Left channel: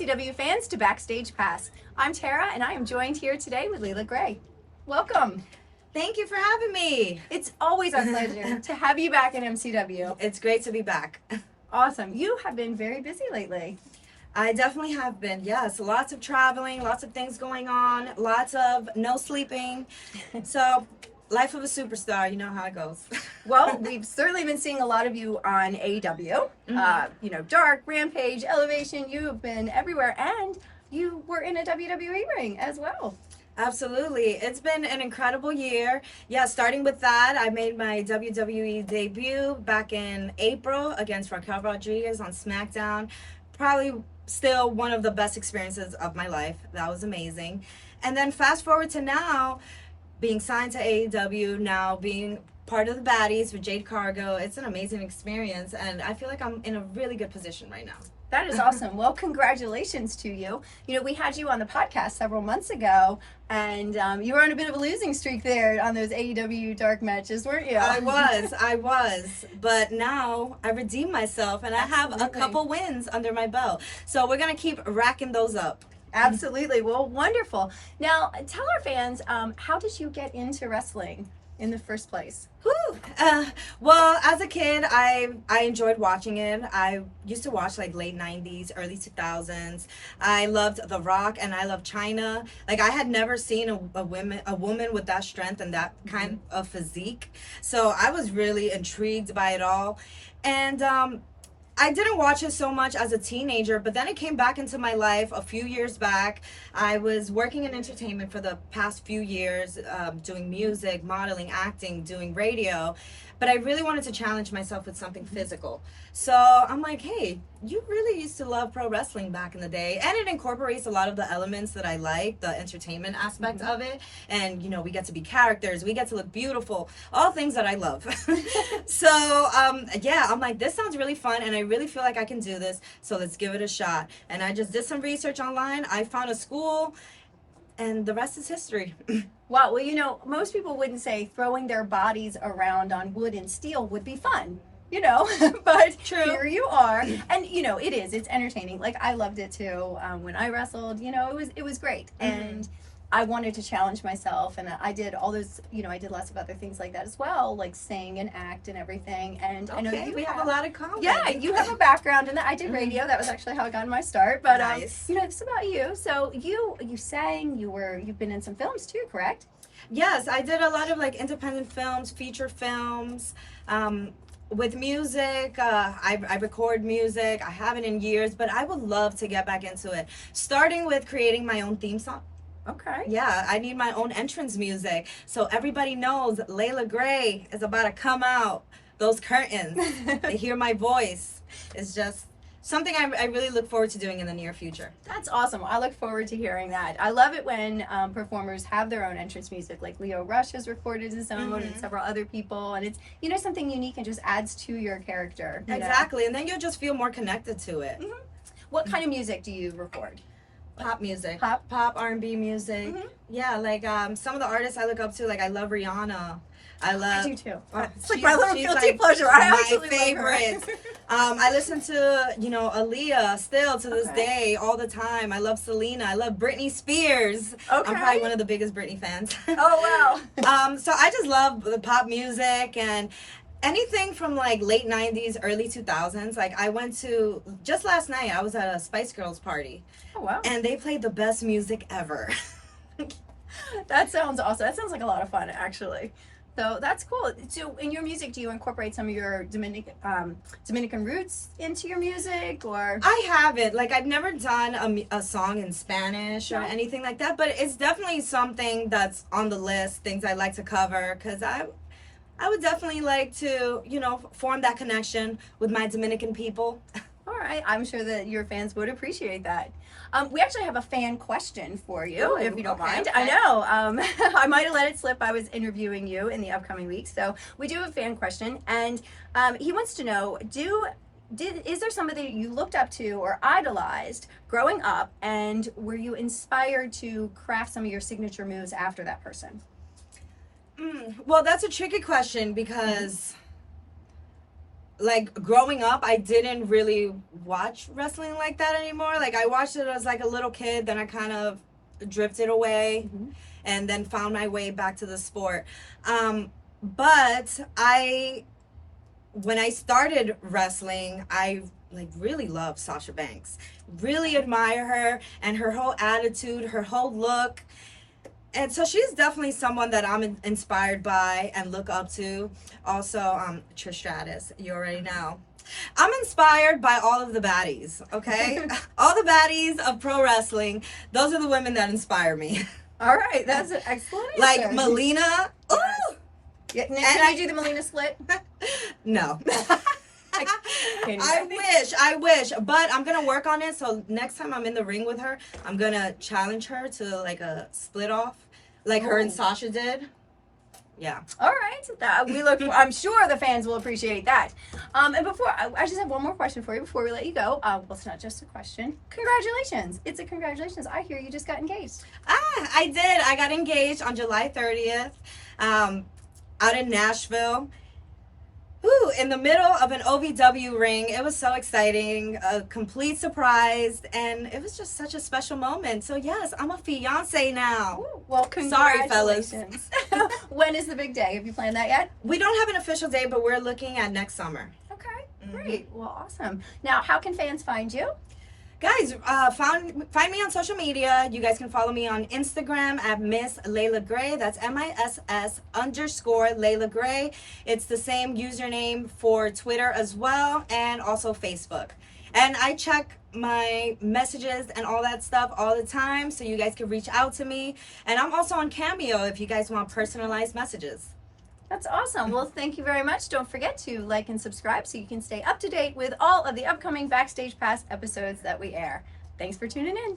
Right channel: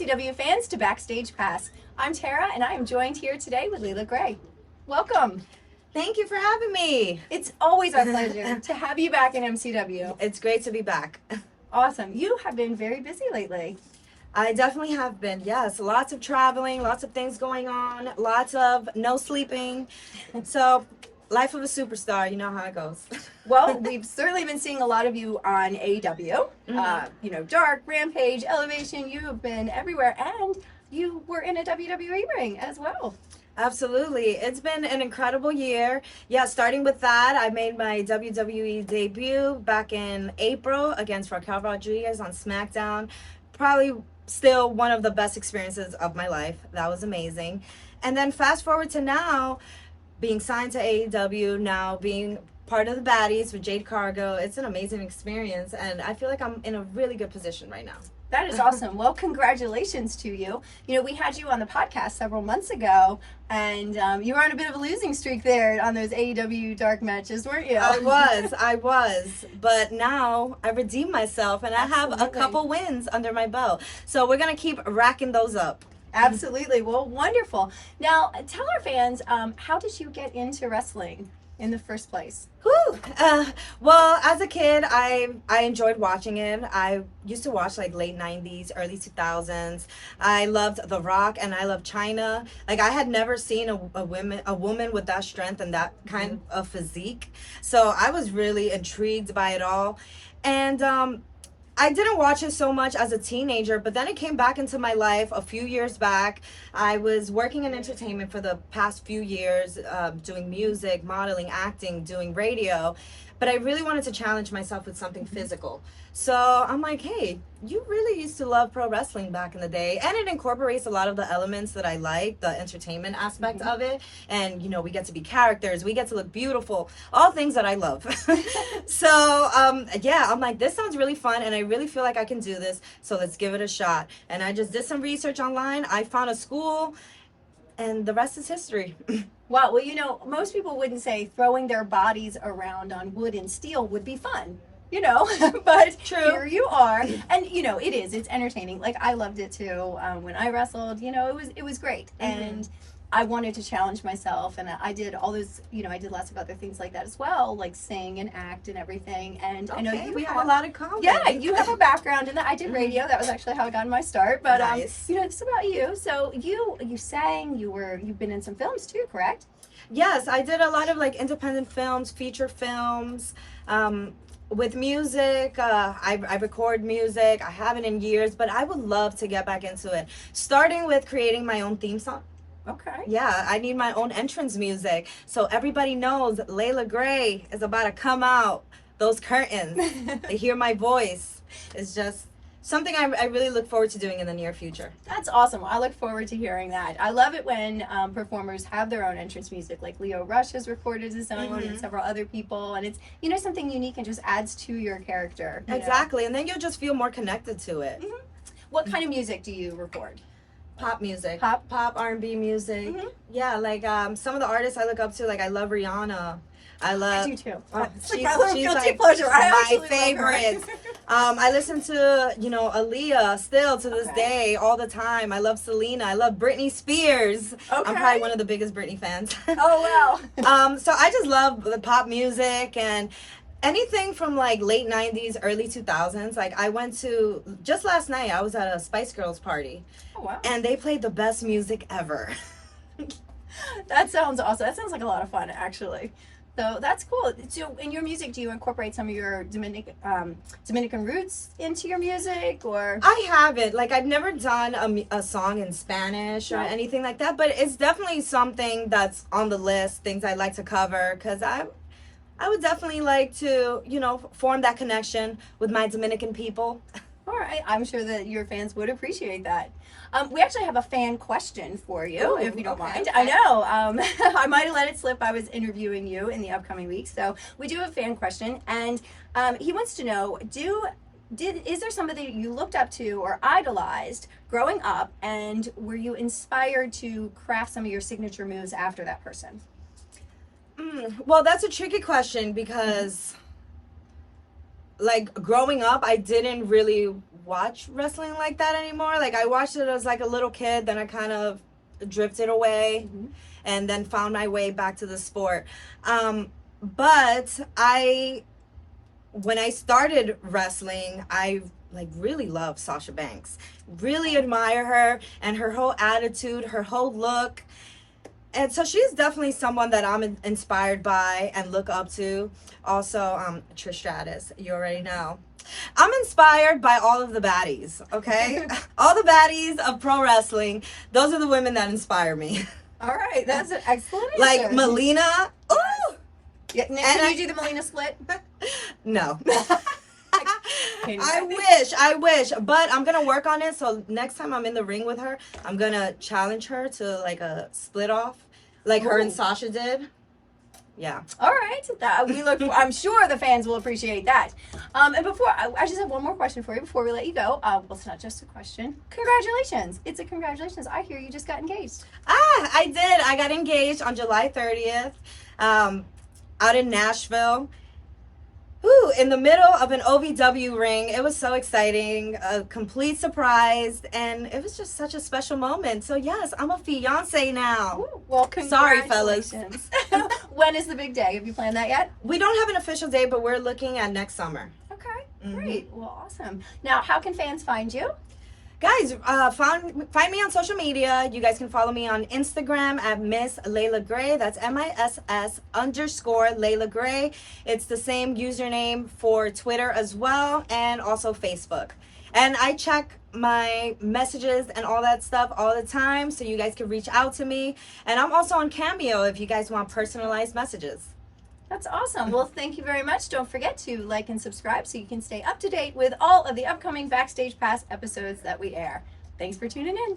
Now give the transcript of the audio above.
MCW fans to Backstage Pass. I'm Tara and I am joined here today with Leila Gray. Welcome. Thank you for having me. It's always our pleasure to have you back in MCW. It's great to be back. Awesome. You have been very busy lately. I definitely have been, yes. Lots of traveling, lots of things going on, lots of no sleeping. So, life of a superstar, you know how it goes. Well, we've certainly been seeing a lot of you on AEW. Dark, Rampage, Elevation. You have been everywhere, and you were in a WWE ring as well. Absolutely. It's been an incredible year. Yeah, starting with that, I made my WWE debut back in April against Raquel Rodriguez on SmackDown. Probably still one of the best experiences of my life. That was amazing. And then fast forward to now, being signed to AEW, now being part of the baddies with Jade Cargo. It's an amazing experience, and I feel like I'm in a really good position right now. That is awesome. Well, congratulations to you. You know, we had you on the podcast several months ago, and you were on a bit of a losing streak there on those AEW dark matches, weren't you? I was. But now I redeemed myself, and I have a couple wins under my belt. So we're going to keep racking those up. Absolutely. Well, wonderful. Now, tell our fans, how did you get into wrestling in the first place? Well, as a kid, I enjoyed watching it. I used to watch like late 90s, early 2000s. I loved The Rock and I loved China. Like, I had never seen a woman with that strength and that kind of physique. So I was really intrigued by it all. And I didn't watch it so much as a teenager, but then it came back into my life a few years back. I was working in entertainment for the past few years, doing music, modeling, acting, doing radio, but I really wanted to challenge myself with something physical. So I'm like, hey, you really used to love pro wrestling back in the day, and it incorporates a lot of the elements that I like, the entertainment aspect of it, and we get to be characters, we get to look beautiful, all things that I love. So yeah, I'm like, this sounds really fun, and I really feel like I can do this, so let's give it a shot. And I just did some research online. I found a school, and the rest is history. Wow. Well, most people wouldn't say throwing their bodies around on wood and steel would be fun. But True. Here you are, and it's entertaining. Like, I loved it too when I wrestled. It was great, and I wanted to challenge myself, and I did all those. I did lots of other things like that as well, like sing and act and everything. And I know we have a lot of common. Yeah, you have a background in that. I did radio. That was actually how I got my start. But nice. It's about you. So you sang. You've been in some films too, correct? Yes, I did a lot of like independent films, feature films. With music, I record music. I haven't in years, but I would love to get back into it. Starting with creating my own theme song. Okay. Yeah, I need my own entrance music. So everybody knows Leila Gray is about to come out. Those curtains. They hear my voice. It's just something I really look forward to doing in the near future. That's awesome. I look forward to hearing that. I love it when performers have their own entrance music, like Leo Rush has recorded his own and several other people, and it's something unique and just adds to your character. Exactly, and then you'll just feel more connected to it. What kind of music do you record? Pop music. Pop R&B music. Yeah, like some of the artists I look up to, like I love Rihanna. I do too. It's like she's my little guilty pleasure. My favorite. I listen to Aaliyah still to this day, all the time. I love Selena. I love Britney Spears. Okay. I'm probably one of the biggest Britney fans. Oh wow. So I just love the pop music and anything from like late 90s, early 2000s. Like I went to, just last night, I was at a Spice Girls party. Oh wow. And they played the best music ever. That sounds awesome. That sounds like a lot of fun, actually. So that's cool. So in your music, do you incorporate some of your Dominican roots into your music, or? I haven't. Like, I've never done a song in Spanish or anything like that, but it's definitely something that's on the list, things I like to cover, because I would definitely like to, form that connection with my Dominican people. All right. I'm sure that your fans would appreciate that. We actually have a fan question for you, if you don't mind. Okay. I know. I might have let it slip. I was interviewing you in the upcoming weeks. So we do have a fan question. And he wants to know, is there somebody that you looked up to or idolized growing up? And were you inspired to craft some of your signature moves after that person? Well, that's a tricky question because like growing up, I didn't really watch wrestling like that anymore. Like I watched it as like a little kid, then I kind of drifted away, and then found my way back to the sport. But when I started wrestling, I like really love Sasha Banks. Really admire her and her whole attitude, her whole look. And so she's definitely someone that I'm inspired by and look up to. Also, Trish Stratus, you already know. I'm inspired by all of the baddies, okay? All the baddies of pro wrestling. Those are the women that inspire me. All right, that's an excellent answer. Like Melina. Ooh! Yeah, can you do the Melina split? No. Can you? I wish, but I'm gonna work on it. So next time I'm in the ring with her, I'm gonna challenge her to like a split off, like her and Sasha did. Yeah. All right, I'm sure the fans will appreciate that. And before I just have one more question for you before we let you go. Well, it's not just a question. Congratulations! It's a congratulations. I hear you just got engaged. I did. I got engaged on July 30th, out in Nashville. Whew, in the middle of an OVW ring. It was so exciting, a complete surprise, and it was just such a special moment. So yes, I'm a fiance now. Ooh, well, congratulations. Sorry, fellas. When is the big day? Have you planned that yet? We don't have an official date, but we're looking at next summer. Okay, great. Well, awesome. Now, how can fans find you? Guys, find me on social media. You guys can follow me on Instagram at Miss Leila Gray. That's MISS_Leila Gray. It's the same username for Twitter as well, and also Facebook. And I check my messages and all that stuff all the time, so you guys can reach out to me. And I'm also on Cameo if you guys want personalized messages. That's awesome. Well, thank you very much. Don't forget to like and subscribe so you can stay up to date with all of the upcoming Backstage Pass episodes that we air. Thanks for tuning in.